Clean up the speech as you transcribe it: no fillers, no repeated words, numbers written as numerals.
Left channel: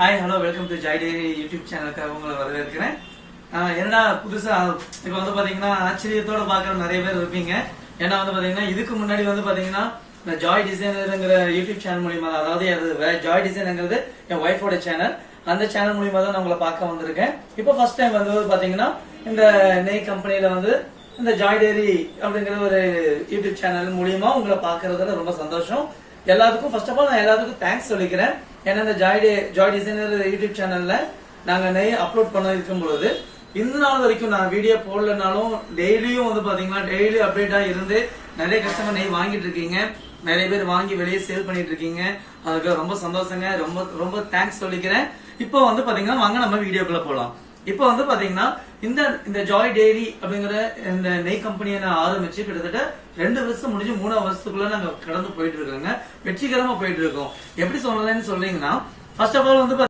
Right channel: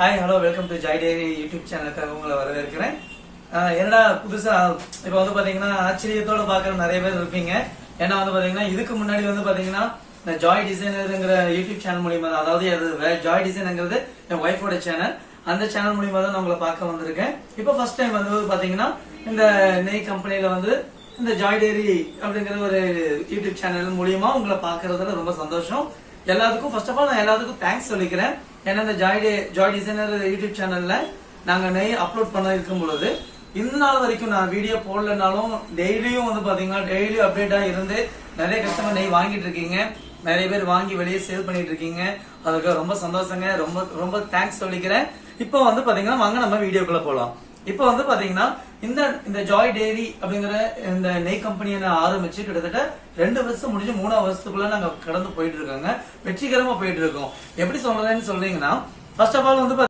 Hi hello welcome to Joy dairy YouTube சேனலுக்கு உங்களை வரவேற்கிறேன். என்னடா புதுசா இப்ப வந்து பாத்தீங்கன்னா ஆச்சரியத்தோட பாக்குற நிறைய பேர் இருப்பீங்க. ஏன்னா வந்து பாத்தீங்கன்னா இதுக்கு முன்னாடி வந்து பாத்தீங்கன்னா ஜாய் டிசைனர்ங்கிற யூடியூப் சேனல் மூலியமா, அதாவது ஜாய் டிசைனுங்கிறது என் ஒய்ஃபோட சேனல், அந்த சேனல் மூலியமா தான் நான் உங்களை பார்க்க வந்திருக்கேன். இப்ப ஃபர்ஸ்ட் டைம் வந்து பாத்தீங்கன்னா இந்த நெய் கம்பெனில வந்து இந்த ஜாய் டெய்ரி அப்படிங்கிற ஒரு யூடியூப் சேனல் மூலியமா உங்களை பாக்குறதுல ரொம்ப சந்தோஷம். எல்லாத்துக்கும் ஃபர்ஸ்ட் ஆஃப் ஆல் நான் எல்லாத்துக்கும் தேங்க்ஸ் சொல்லிக்கிறேன். ஏன்னா இந்த ஜாய் டிசைனர் யூடியூப் சேனல்ல நாங்க நெய் அப்லோட் பண்ண இருக்கும் பொழுது இந்த நாள் வரைக்கும் நான் வீடியோ போடலனாலும் டெய்லியும் வந்து பாத்தீங்கன்னா டெய்லி அப்டேட்டா இருந்து நிறைய கஸ்டமர் நெய் வாங்கிட்டு இருக்கீங்க, நிறைய பேர் வாங்கி வெளியே சேல் பண்ணிட்டு இருக்கீங்க. அதுக்கு ரொம்ப சந்தோஷங்க, ரொம்ப ரொம்ப தேங்க்ஸ் சொல்லிக்கிறேன். இப்போ வந்து பாத்தீங்கன்னா வாங்க நம்ம வீடியோக்குள்ள போலாம். இப்போ வந்து பாத்தீங்கன்னா இந்த ஜாய் டெய்ரி அப்படிங்கிற இந்த நெய் கம்பெனியை நான் ஆரம்பிச்சு கிட்டத்தட்ட 2 வருஷம் முடிஞ்சு 3ஆவது வருஷத்துக்குள்ள நாங்க கடந்து போயிட்டு இருக்கோங்க. வெற்றிகரமா போயிட்டு இருக்கோம். எப்படி சொல்றேன்னு சொல்றீங்கன்னா, ஃபர்ஸ்ட் ஆஃப் ஆல் வந்து